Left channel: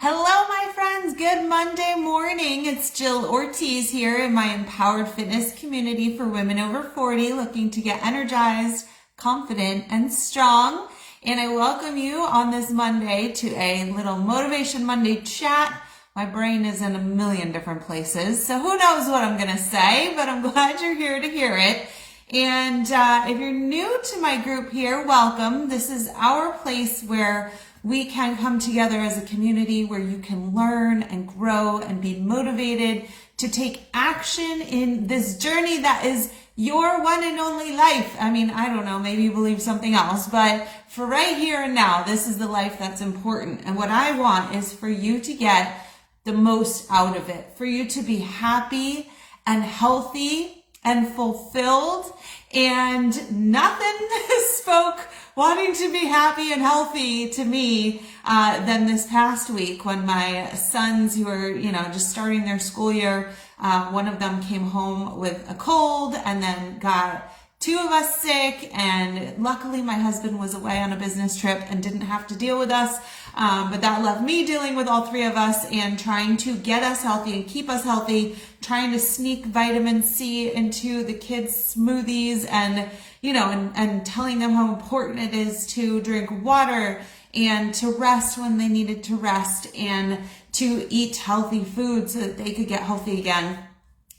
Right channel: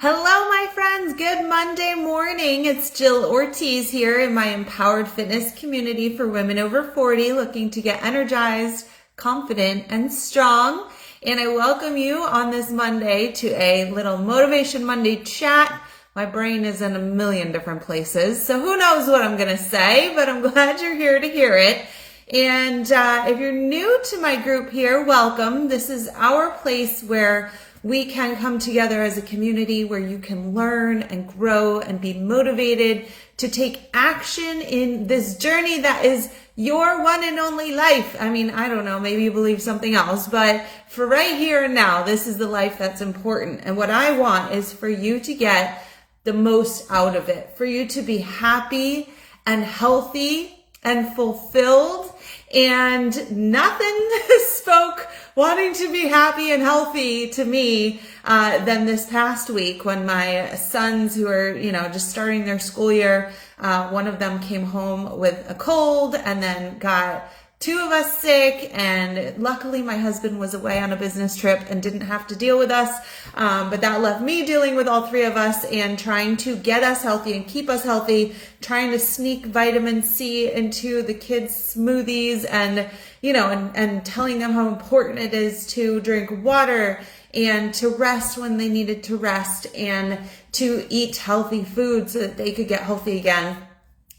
Hello, my friends. Good Monday morning. It's Jill Ortiz here in my Empowered Fitness community for women over 40 looking to get energized, confident, and strong. And I welcome you on this Monday to a little Motivation Monday chat. My brain is in a million different places, so who knows what I'm going to say, but I'm glad you're here to hear it. And if you're new to my group here, welcome. This is our place where we can come together as a community where you can learn and grow and be motivated to take action in this journey that is your one and only life. I mean, I don't know, maybe you believe something else, but for right here and now, this is the life that's important. And what I want is for you to get the most out of it, for you to be happy and healthy and fulfilled. And nothing spoke wanting to be happy and healthy to me than this past week when my sons, who are, just starting their school year, one of them came home with a cold and then got two of us sick, and luckily my husband was away on a business trip and didn't have to deal with us, but that left me dealing with all three of us and trying to get us healthy and keep us healthy, trying to sneak vitamin C into the kids' smoothies and telling them how important it is to drink water and to rest when they needed to rest and to eat healthy food so that they could get healthy again.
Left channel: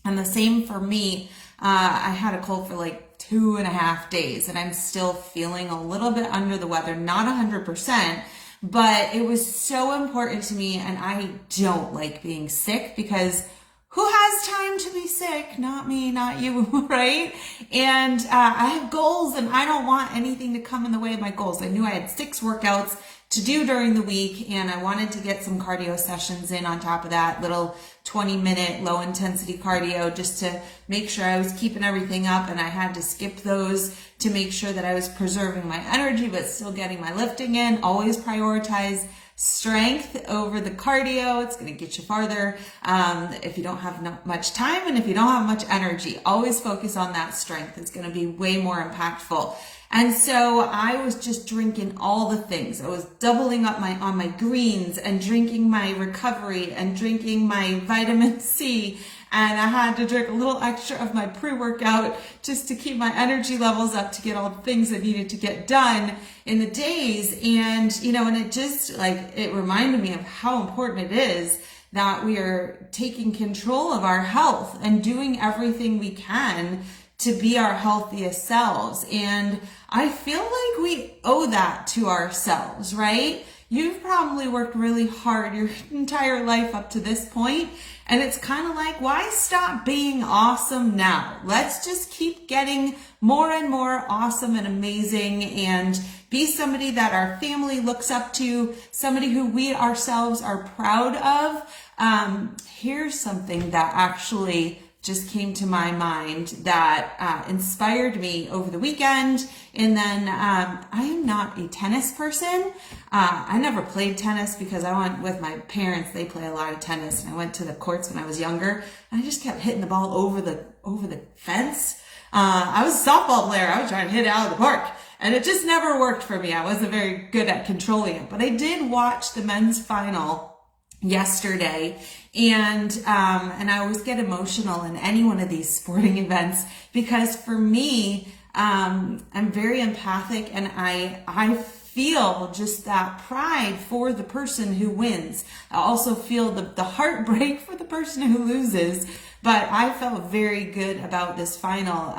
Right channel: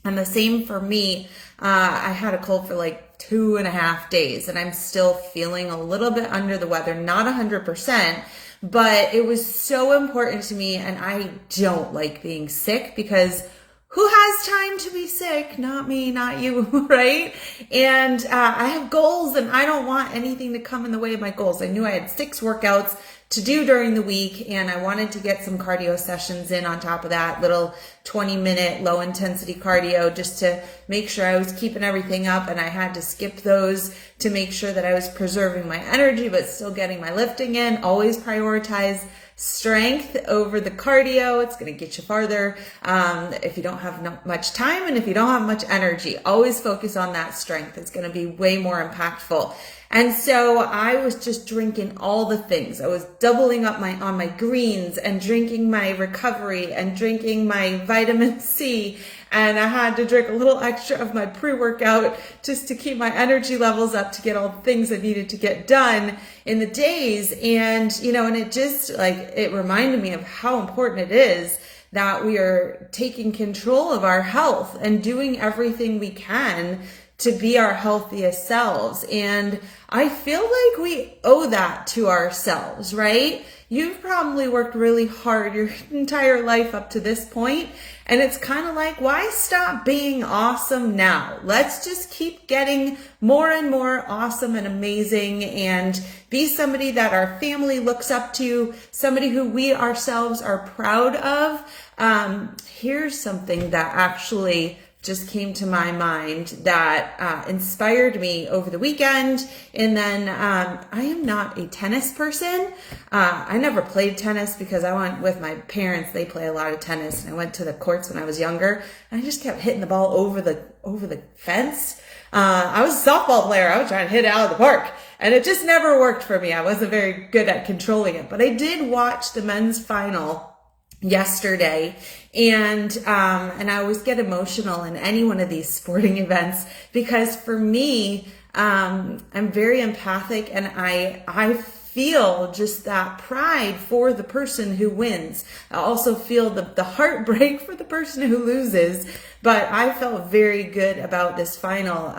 And the same for me. I had a cold for like 2.5 days and I'm still feeling a little bit under the weather, not 100%, but it was so important to me. And I don't like being sick because who has time to be sick? Not me, not you, right? And I have goals and I don't want anything to come in the way of my goals. I knew I had 6 workouts to do during the week, and I wanted to get some cardio sessions in on top of that, little 20-minute low intensity cardio just to make sure I was keeping everything up, and I had to skip those to make sure that I was preserving my energy but still getting my lifting in. Always prioritize strength over the cardio. It's going to get you farther if you don't have much time and if you don't have much energy. Always focus on that strength. It's going to be way more impactful. And so I was just drinking all the things. I was doubling up on my greens and drinking my recovery and drinking my vitamin C. And I had to drink a little extra of my pre-workout just to keep my energy levels up to get all the things I needed to get done in the days. And, and it just it reminded me of how important it is that we are taking control of our health and doing everything we can to be our healthiest selves. And I feel like we owe that to ourselves, right? You've probably worked really hard your entire life up to this point, and it's kind of like, why stop being awesome now? Let's just keep getting more and more awesome and amazing and be somebody that our family looks up to, somebody who we ourselves are proud of. Here's something that actually just came to my mind that inspired me over the weekend. And then I am not a tennis person. I never played tennis because I went with my parents. They play a lot of tennis, and I went to the courts when I was younger, and I just kept hitting the ball over the fence. I was a softball player. I was trying to hit it out of the park, and it just never worked for me. I wasn't very good at controlling it, but I did watch the men's final yesterday, and I always get emotional in any one of these sporting events because for me, I'm very empathic, and I feel just that pride for the person who wins. I also feel the heartbreak for the person who loses, but I felt very good about this final.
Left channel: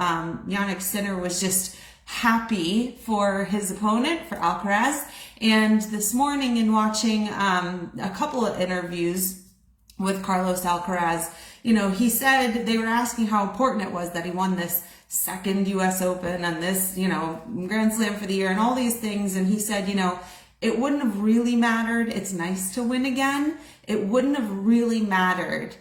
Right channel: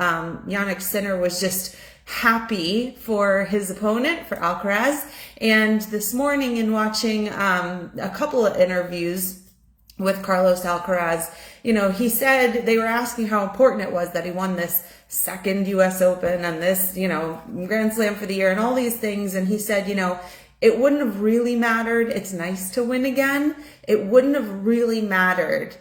Jannik Sinner was just happy for his opponent, for Alcaraz. And this morning in watching a couple of interviews with Carlos Alcaraz, he said they were asking how important it was that he won this second US Open and this, Grand Slam for the year and all these things. And he said, it wouldn't have really mattered. It's nice to win again. It wouldn't have really mattered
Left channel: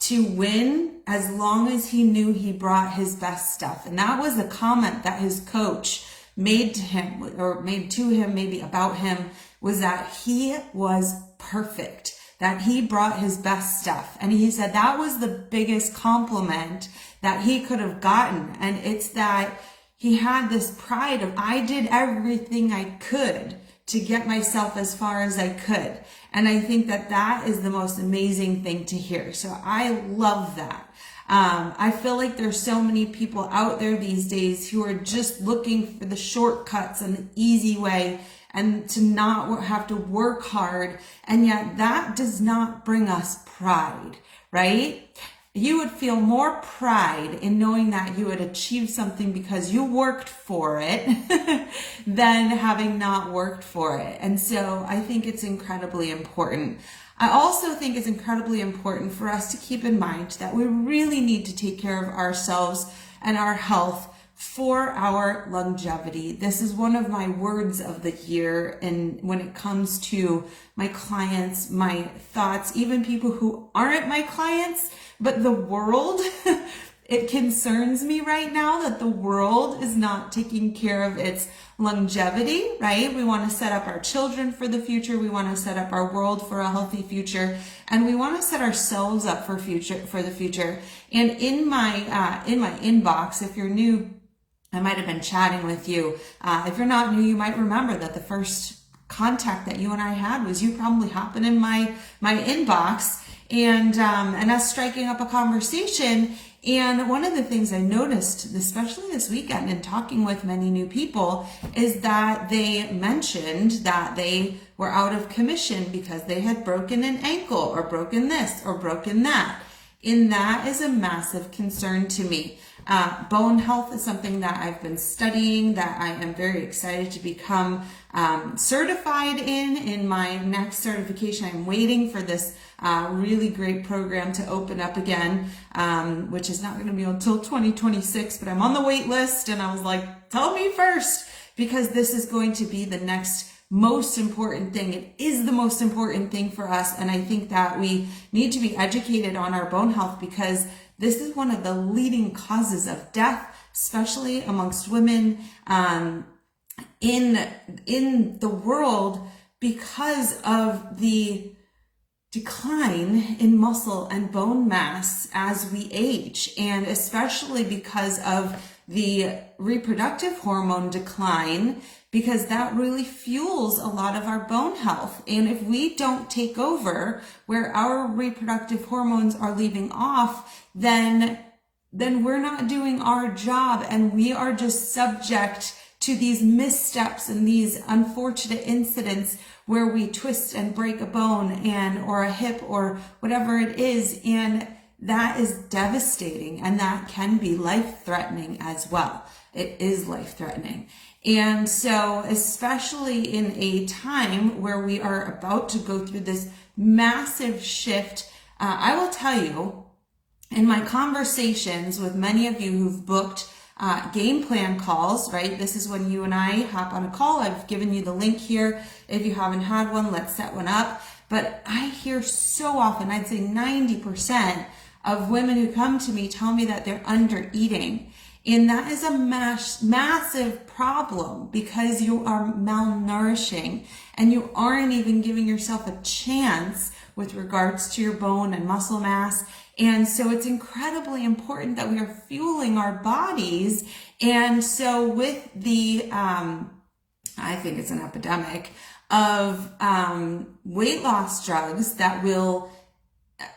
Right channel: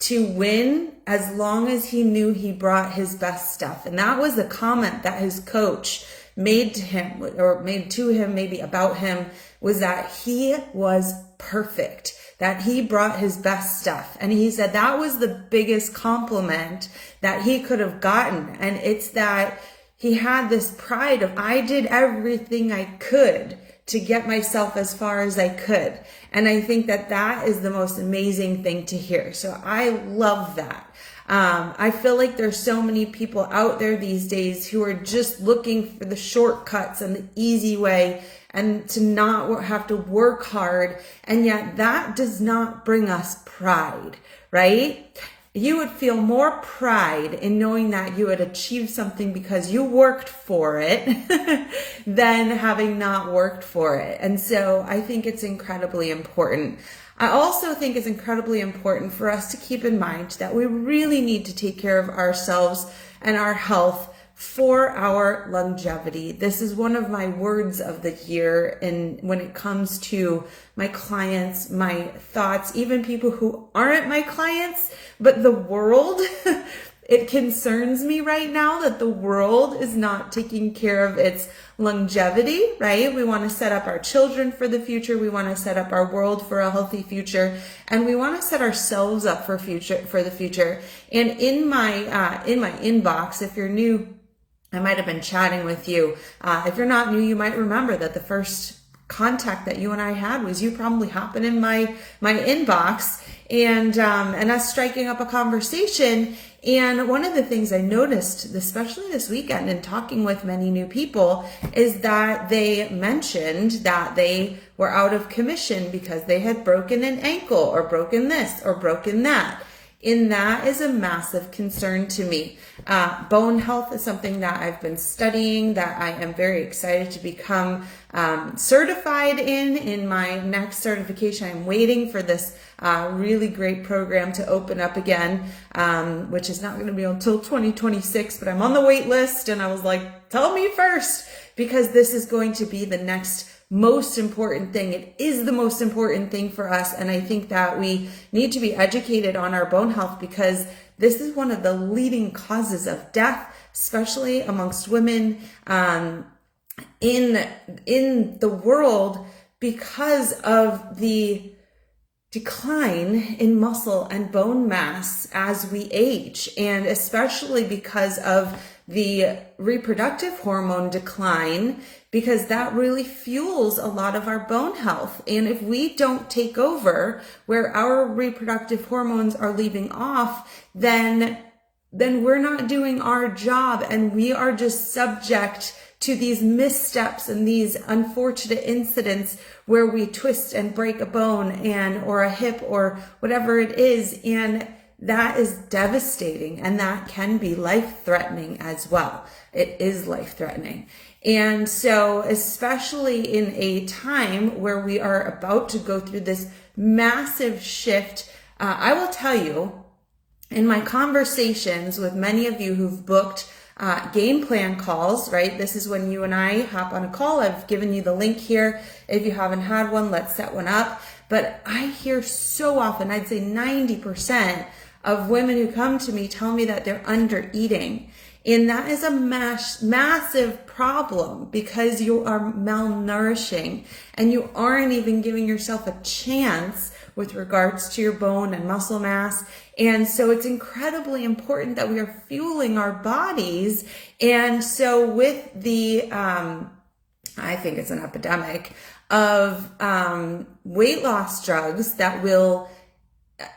to win as long as he knew he brought his best stuff. And that was a comment that his coach made to him, or made to him, maybe about him, was that he was perfect, that he brought his best stuff. And he said that was the biggest compliment that he could have gotten. And it's that he had this pride of, I did everything I could to get myself as far as I could. And I think that that is the most amazing thing to hear. So I love that. I feel like there's so many people out there these days who are just looking for the shortcuts and the easy way and to not have to work hard. And yet that does not bring us pride, right? You would feel more pride in knowing that you had achieved something because you worked for it than having not worked for it. And so I think it's incredibly important. I also think it's incredibly important for us to keep in mind that we really need to take care of ourselves and our health for our longevity. This is one of my words of the year. And when it comes to my clients, my thoughts, even people who aren't my clients, but the world, it concerns me right now that the world is not taking care of its longevity, right? We want to set up our children for the future. We want to set up our world for a healthy future, and we want to set ourselves up for the future. And in my inbox, if you're new, I might have been chatting with you. If you're not new, you might remember that the first contact that you and I had was you probably hopping in my inbox and us striking up a conversation. And one of the things I noticed, especially this weekend in talking with many new people, is that they mentioned that they were out of commission because they had broken an ankle or broken this or broken that. And that is a massive concern to me. Bone health is something that I've been studying, that I am very excited to become certified in my next certification. I'm waiting for this really great program to open up again, which is not going to be until 2026, but I'm on the wait list, and I was like, tell me first, because this is going to be the next most important thing. It is the most important thing for us. And I think that we need to be educated on our bone health, because this is one of the leading causes of death, especially amongst women in the world, because of the decline in muscle and bone mass as we age, and especially because of the reproductive hormone decline, because that really fuels a lot of our bone health. And if we don't take over where our reproductive hormones are leaving off, then we're not doing our job, and we are just subject to these missteps and these unfortunate incidents where we twist and break a bone or a hip or whatever it is. And that is devastating, and that can be life-threatening as well. It is life-threatening. And so, especially in a time where we are about to go through this massive shift, I will tell you, in my conversations with many of you who've booked game plan calls, right? This is when you and I hop on a call. I've given you the link here. If you haven't had one, let's set one up. But I hear so often, I'd say 90% of women who come to me tell me that they're under eating. And that is a massive problem, because you are malnourishing and you aren't even giving yourself a chance with regards to your bone and muscle mass. And so it's incredibly important that we are fueling our bodies. And so with the, I think it's an epidemic of weight loss drugs that will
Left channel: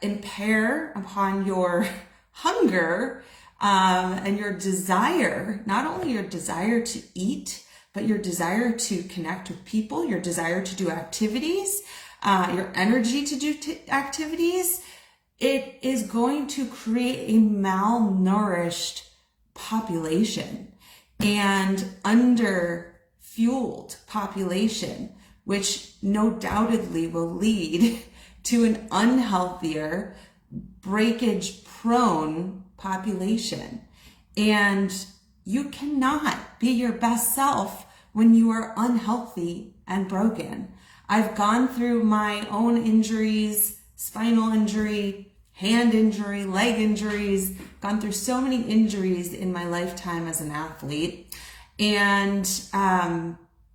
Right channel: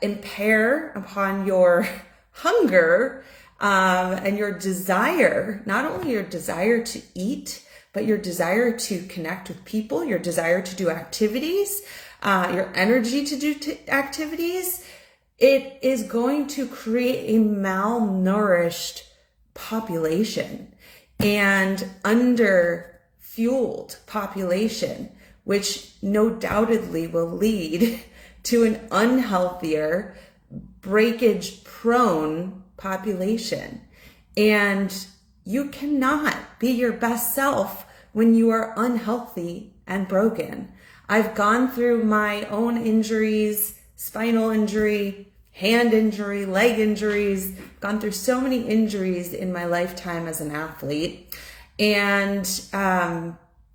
impair upon your hunger and your desire, not only your desire to eat, but your desire to connect with people, your desire to do activities, your energy to do activities. It is going to create a malnourished population and under-fueled population, which no doubtedly will lead to an unhealthier, breakage-prone population. And you cannot be your best self when you are unhealthy and broken. I've gone through my own injuries, spinal injury, hand injury, leg injuries, gone through so many injuries in my lifetime as an athlete. And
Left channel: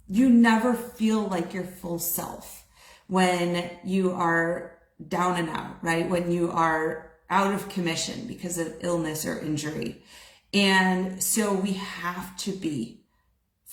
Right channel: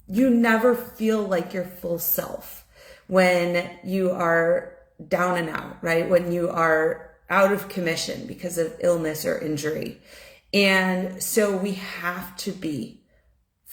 you never feel like your full self when you are down and out, right? When you are out of commission because of illness or injury. And so we have to be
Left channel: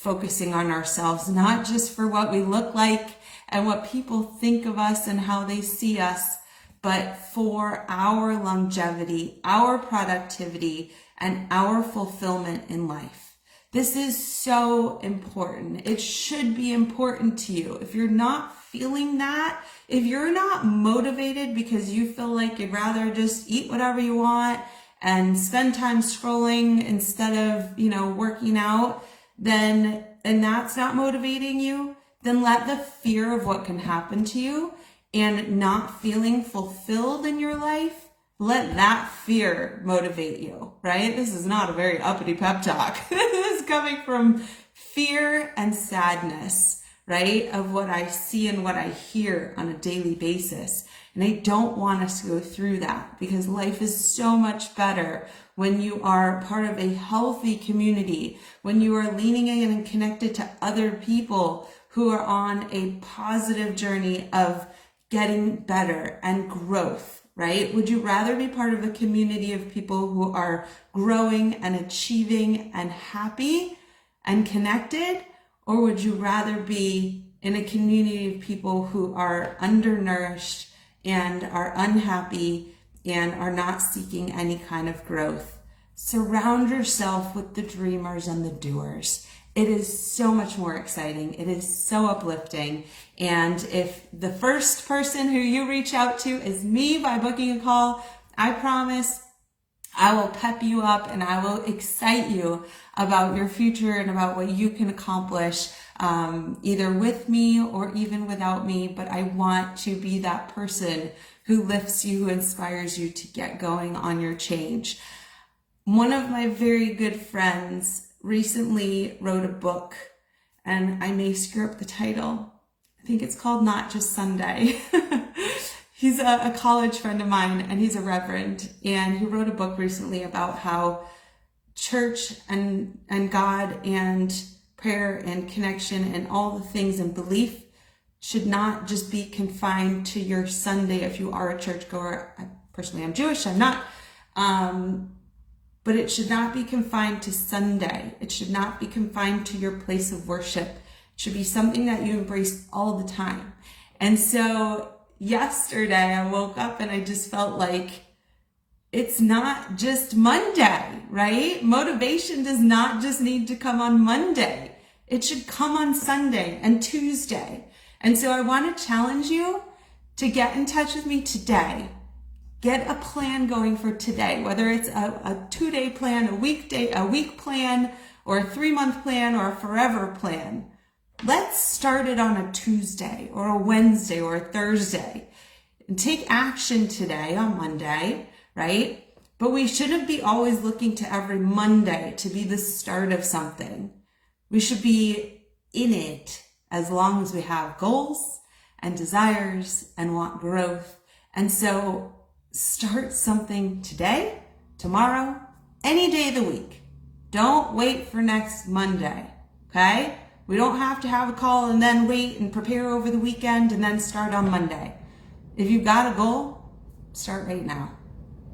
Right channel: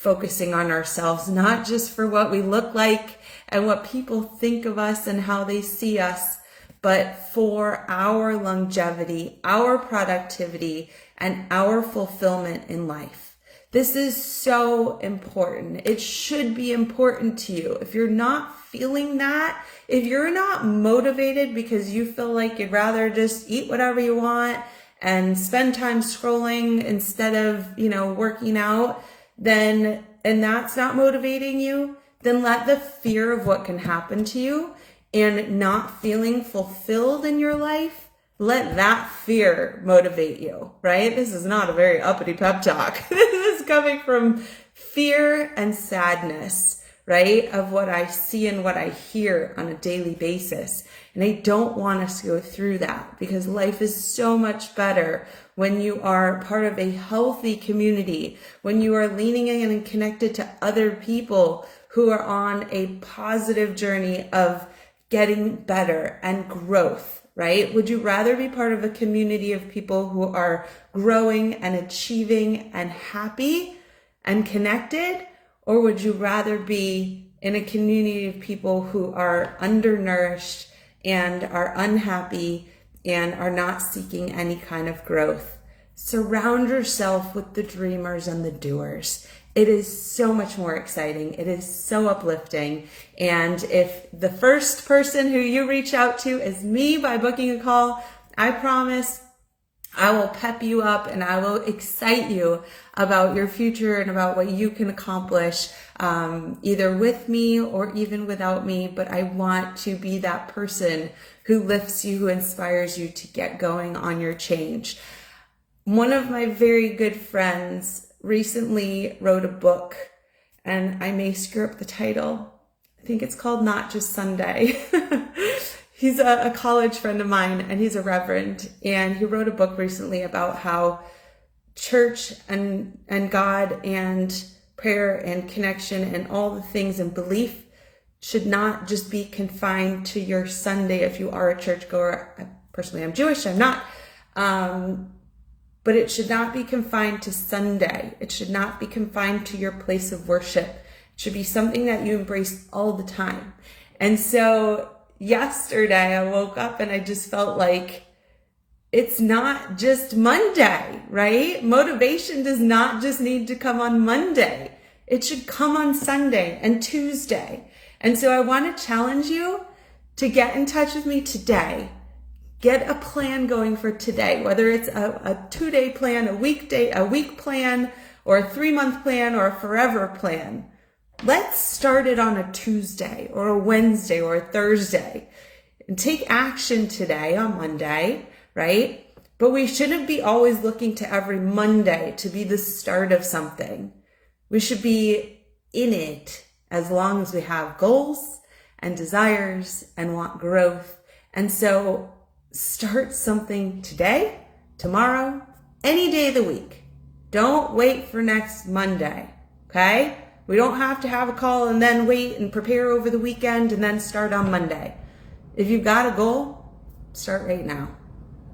focusing on ourselves, not just for what we look like and what people think of us and how they see us, but for our longevity, our productivity, and our fulfillment in life. This is so important. It should be important to you. If you're not feeling that, if you're not motivated because you feel like you'd rather just eat whatever you want and spend time scrolling instead of, working out, and that's not motivating you, then let the fear of what can happen to you and not feeling fulfilled in your life, let that fear motivate you, right? This is not a very uppity pep talk. This is coming from fear and sadness, right? Of what I see and what I hear on a daily basis. And I don't want us to go through that, because life is so much better when you are part of a healthy community, when you are leaning in and connected to other people who are on a positive journey of getting better and growth, right? Would you rather be part of a community of people who are growing and achieving and happy and connected? Or would you rather be in a community of people who are undernourished and are unhappy and are not seeking any kind of growth? Surround yourself with the dreamers and the doers. It is so much more exciting. It is so uplifting. And if the first person who you reach out to is me by booking a call, I promise I will pep you up and I will excite you about your future and about what you can accomplish, either with me or even without me. But I want to be that person who lifts you, who inspires you to get going on your change. One of my very good friends recently wrote a book, and I may screw up the title. I think it's called Not Just Sunday. He's a college friend of mine, and he's a reverend, and he wrote a book recently about how church and God and prayer and connection and all the things and belief should not just be confined to your Sunday if you are a churchgoer. Personally, I'm Jewish, I'm not. But it should not be confined to Sunday. It should not be confined to your place of worship. It should be something that you embrace all the time. And so yesterday I woke up and I just felt like it's not just Monday, right? Motivation does not just need to come on Monday. It should come on Sunday and Tuesday. And so I want to challenge you to get in touch with me today. Get a plan going for today, whether it's a 2-day plan, a week plan, or a 3-month plan, or a forever plan. Let's start it on a Tuesday or a Wednesday or a Thursday and take action today on Monday, right? But we shouldn't be always looking to every Monday to be the start of something. We should be in it as long as we have goals and desires and want growth. And so start something today, tomorrow, any day of the week. Don't wait for next Monday, okay? We don't have to have a call and then wait and prepare over the weekend and then start on Monday. If you've got a goal, start right now.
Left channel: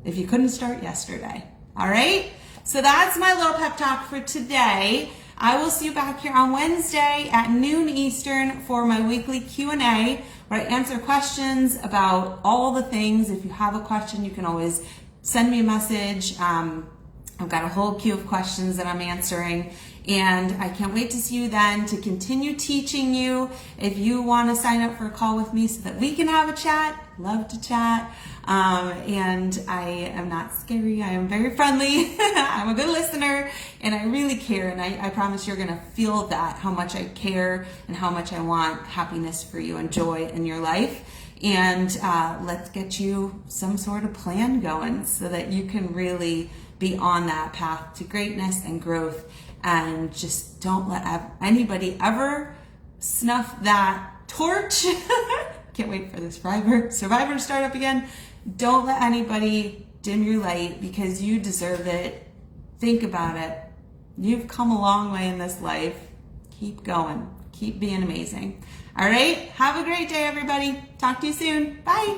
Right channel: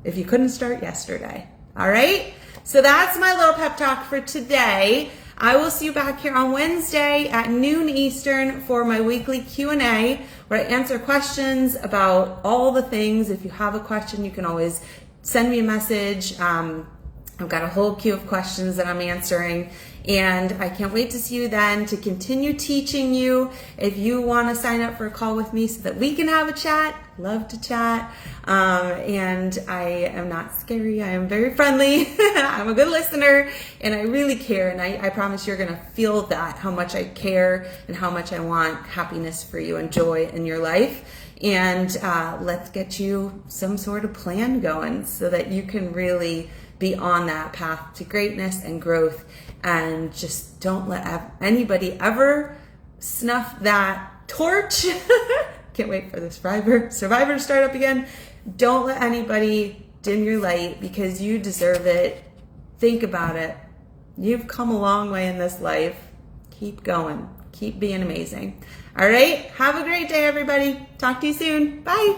If you couldn't start yesterday, all right? So that's my little pep talk for today. I will see you back here on Wednesday at noon Eastern for my weekly Q&A, where I answer questions about all the things. If you have a question, you can always send me a message. I've got a whole queue of questions that I'm answering, and I can't wait to see you then to continue teaching you. If you want to sign up for a call with me so that we can have a chat, love to chat. And I am not scary. I am very friendly. I'm a good listener, and I really care. And I promise you're going to feel that, how much I care and how much I want happiness for you and joy in your life. And let's get you some sort of plan going so that you can really be on that path to greatness and growth. And just don't let anybody ever snuff that torch. Can't wait for the Survivor to start up again. Don't let anybody dim your light, because you deserve it. Think about it. You've come a long way in this life. Keep going. Keep being amazing. All right. Have a great day, everybody. Talk to you soon. Bye.